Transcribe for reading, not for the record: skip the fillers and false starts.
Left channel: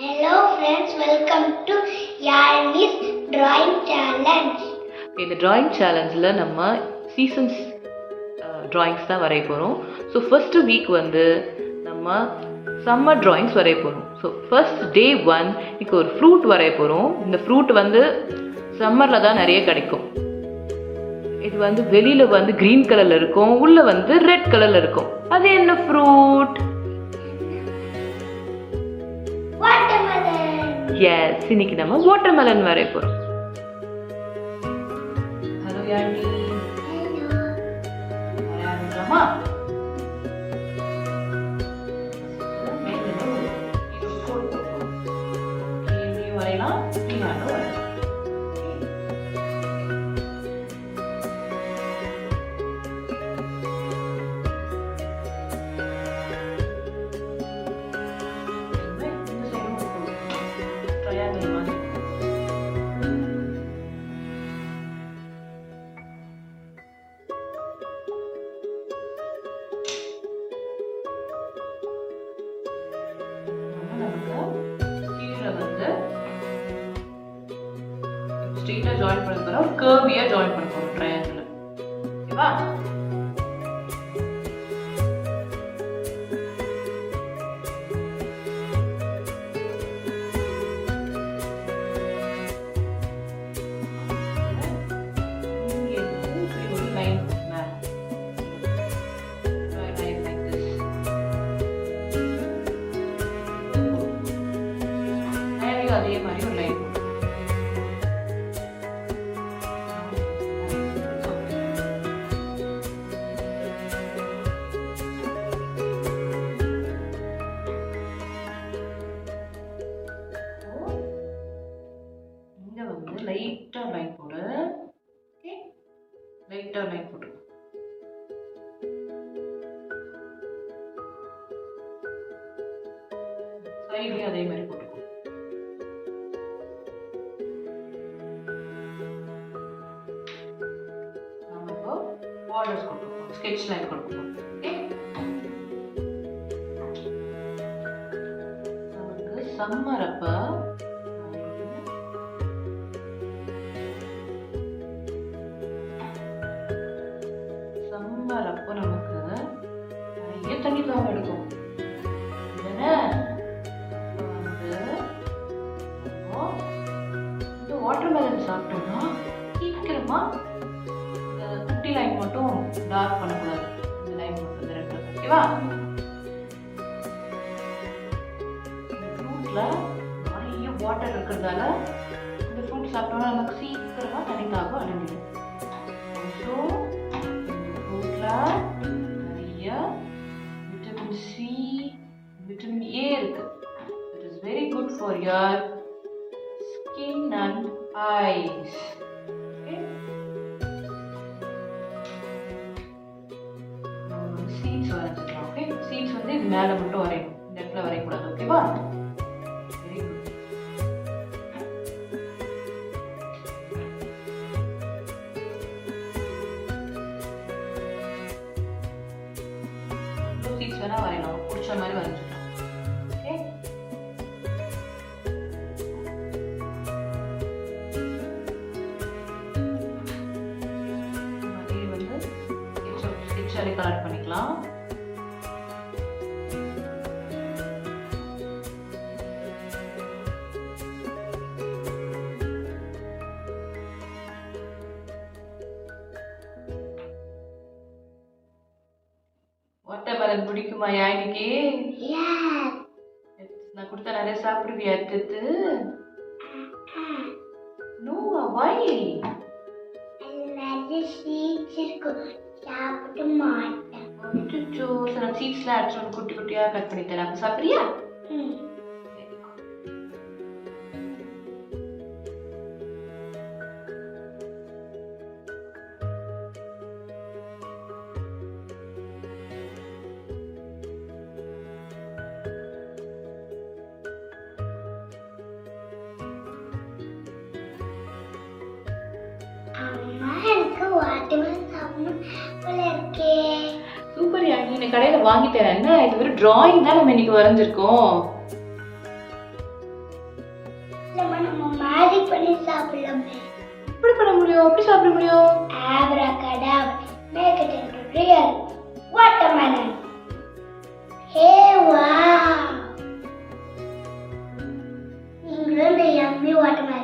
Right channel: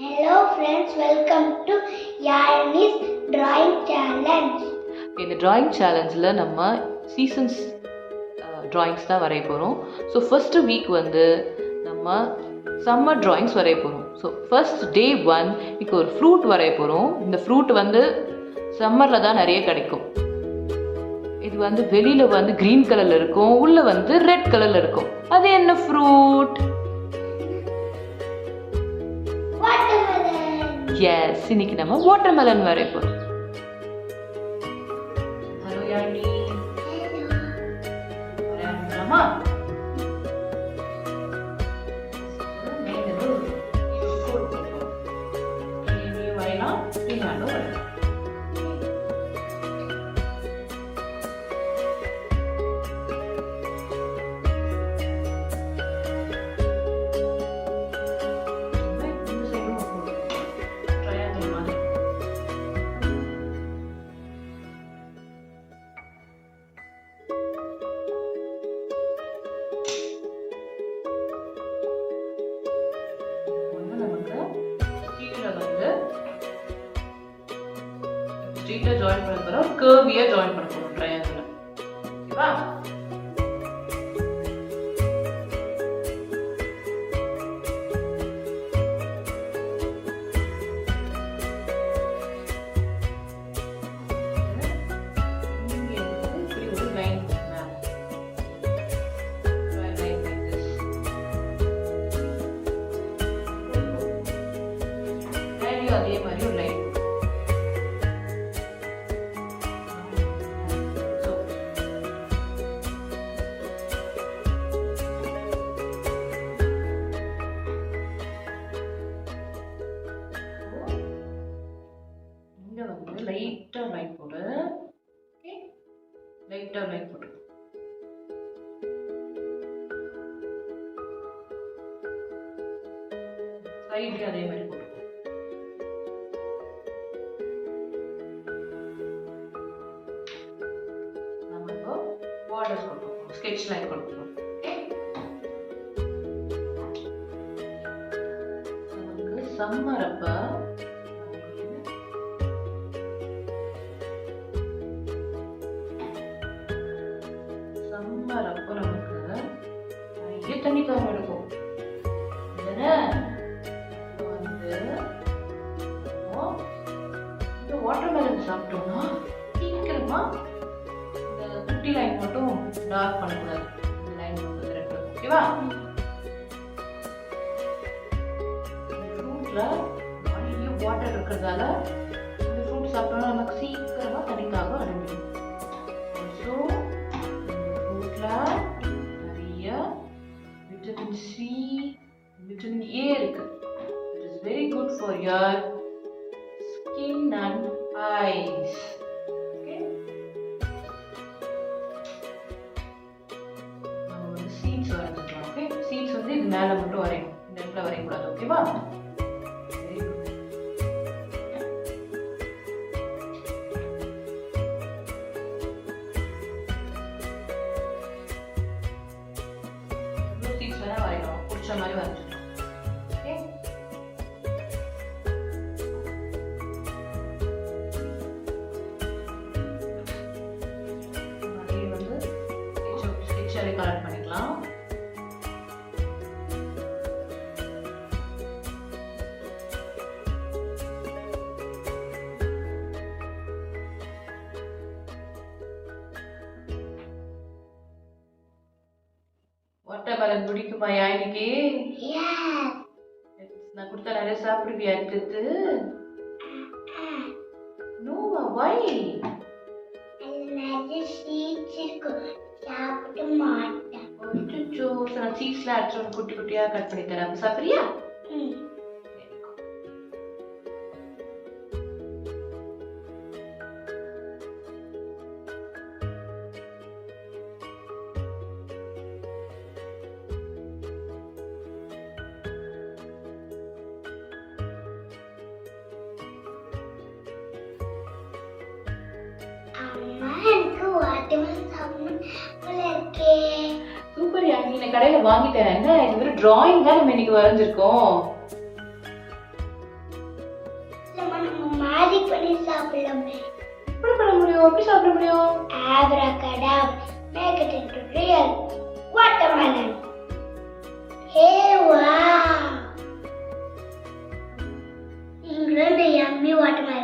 Hello friends, welcome to Yarni's Drawing Challenge. இந்த drawing சேலஞ்சில் நம்ம seasons drawings தான் வரைய போகிறோம். ஸோ ஃபஸ்ட்டு வீக் வந்து நம்ம சம்மர் ட்ராயிங்ஸ் வரைய போகிறோம். ஸோ ஃபர்ஸ்ட் டே 1 இப்போ ஒரு ஃப்ரூட் வரைய போகிறோம். இந்த ஃப்ரூட் வந்து சம்மரில் தான் நிறைய கிடைக்கும். இது வந்து வெளியில் வந்து க்ரீன் கலரில் இருக்கும், உள்ளே வந்து ரெட் கலரில் இருக்கும். அது என்ன ஃப்ரூட்? எஸ், இன்னைக்கு நம்ம வாட்டர்மெலன் வரைய போகிறோம். ஹலோ யாழ்னி, ஆரம்பிக்கலாமா? வரையலாம், நீங்களும் வரையலாம். ஸ்ட்ரெயிட்டா ஜாயின் பண்ண போறோம், கர்வியா ஜாயின் பண்ண போறோம் ட்ரையாங்கிள். ஓகேவா? இங்க இப்படி ஒரு லைன் மேல லைன் லைக் திஸ். அதே மாதிரி ஒரு லைன் லைட்டா லைன் போடு. ஓகே, லைட்டா லைன் போடு. சைடுலயும் அதே மாதிரி போடு. நாம இப்போ பார்டர்ஸ் கொடுப்போம், ஸ்கெட்ச் லைன் கொடுப்போம். ஓகே, நமக்கு சம்மர் அப்ப அப்போ நமக்கு நிறைய தண்ணி தாகம் எடுக்கும். வந்து இந்த வாட்டர்மெலன் சாப்பிட்டோம்னா சீக்கிரமா இந்த குட்டி லைன் மட்டும் டார்க் பண்ணக்கூடாது. இந்த லைன் மட்டும் ரெண்டு. ஓகேவா? இந்த ஃப்ரூட்ல நிறைய வாட்டர் இருக்கிறதால இந்த ஃப்ரூட் சாப்பிட்டோம்னா நமக்கு சீக்கிரமா தண்ணி தாகம் அடங்கிடும். ஸோ நிறைய விட்டமின் சி, விட்டமின் ஏ இருக்கு. It is very good for your skin and eyes. Okay, நம்ம வந்து சீட்ஸ் வரைஞ்சிக்கலாம். ஓகே, சீட்ஸ் வந்து இது மேலே மட்டும் வரையணும், இந்த இடத்துல வரையக்கூடாது. ஓகேவா? Very good. சீட்ஸ் வேணா வரையலாம், பிடிச்ச மாதிரி வரைஞ்சிக்கலாம். ஓகே, அதே வந்து ஸ்கெட்சாலே கலெக்ட் பண்ணிக்கலாம். வாட்டர்மெலன் பிடிக்குமா யாழினிக்கு? நான் கொடுத்தா நிறைய சாப்பிடுவியா? எடுத்து நோவா, வை? சாப்பிட மாட்டேன். அச்சோ, நான் சீஸ்ல அடிச்சு குட்டி குட்டியா கட் பண்ணி தரேன், சாப்பிடுறியா? சூப்பர் யாழினி, நான் கடையில வாங்கிட்டேன். என்ன இது ஒரு டிராயிங் தான் நம்ம இன்னைக்கு வரைஞ்சிருக்கோம். மேஜிக் பண்ணி சாப்பிடலாமே. எப்படி பண்ண முடியும்? எப்படி சாப்பிட முடியும்? Abracadabra, make it into real watermelon. Hey, wow! இங்கிருந்து yummy watermelon.